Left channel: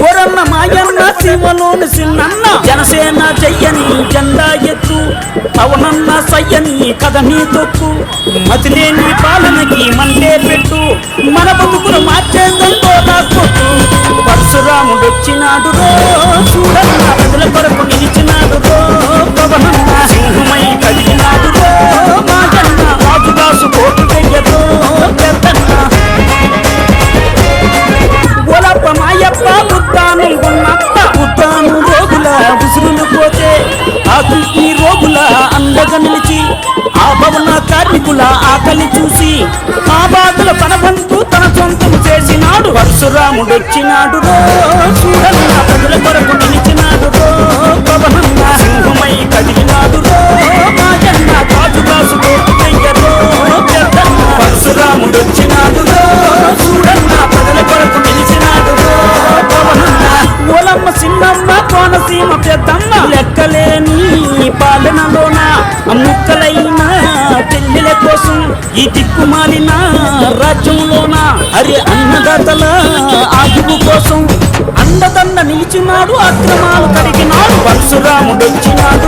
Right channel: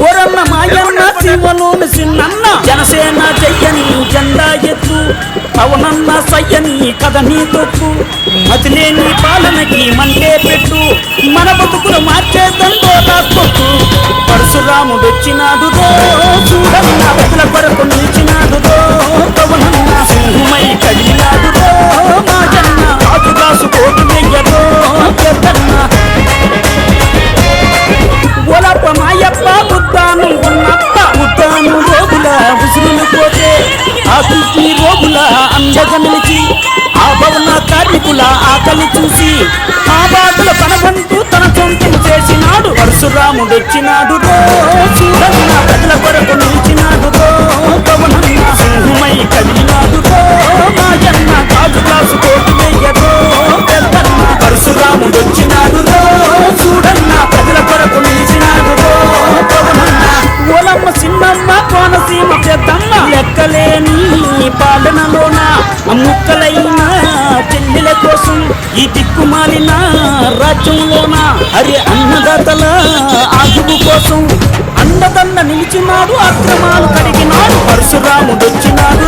ఓరన్న మాయన్న శివలోని సిన్నన్న జనసేన చెయ్యని జెండా ఎత్తు పవనన్న సయ్యని కథని తొక్కు మతిలేని పాలనకి మంటే పెట్టు మన బతుకులు మార్చే దండోలా కొట్టు పరశురాముడు వచ్చినాడు చూడన్న ప్రజల కొరకు నిలిచినాడు పవనన్న సింహమై కదిలినాడు మాయన్న రాజుదాసు కోటి ఓలప్ప మాయప్ప ఉద్దానం ఉన్నప్ప ఉద్దానం రోగుల ఉసురులు పోతే ఆ కిడ్నీ రోగుల అండగా నిలిచి ఆ భవన కార్మికుల ఆకలి చూసి ఆ బాధల పనబంటూ తన సొంతము చేసినాడు పరశురాముడు వచ్చినాడు చూడన్న ప్రజల కొరకు నిలిచినాడు పవనన్న సింహమై కదిలినాడు మాయన్న రాజుదాసు కోటి పరశురాముడు వచ్చినాడు చూడన్న ప్రజల కొరకు నిలిచినాడు ఓలమ్మ సిన్నమ్మ కోనసీమ పెద్దమ్మ లెక్కలేని పాలనలోన ముక్కలైన చెల్లెల కోసం ఈ దిక్కుమాలిన రాజ్యంలోన అరే అన్నదాతల ఆయువు కోసం అండదండ నిలిచినాడు అక్రమాలు కడిగినాడు పరశురాముడు వచ్చినాడు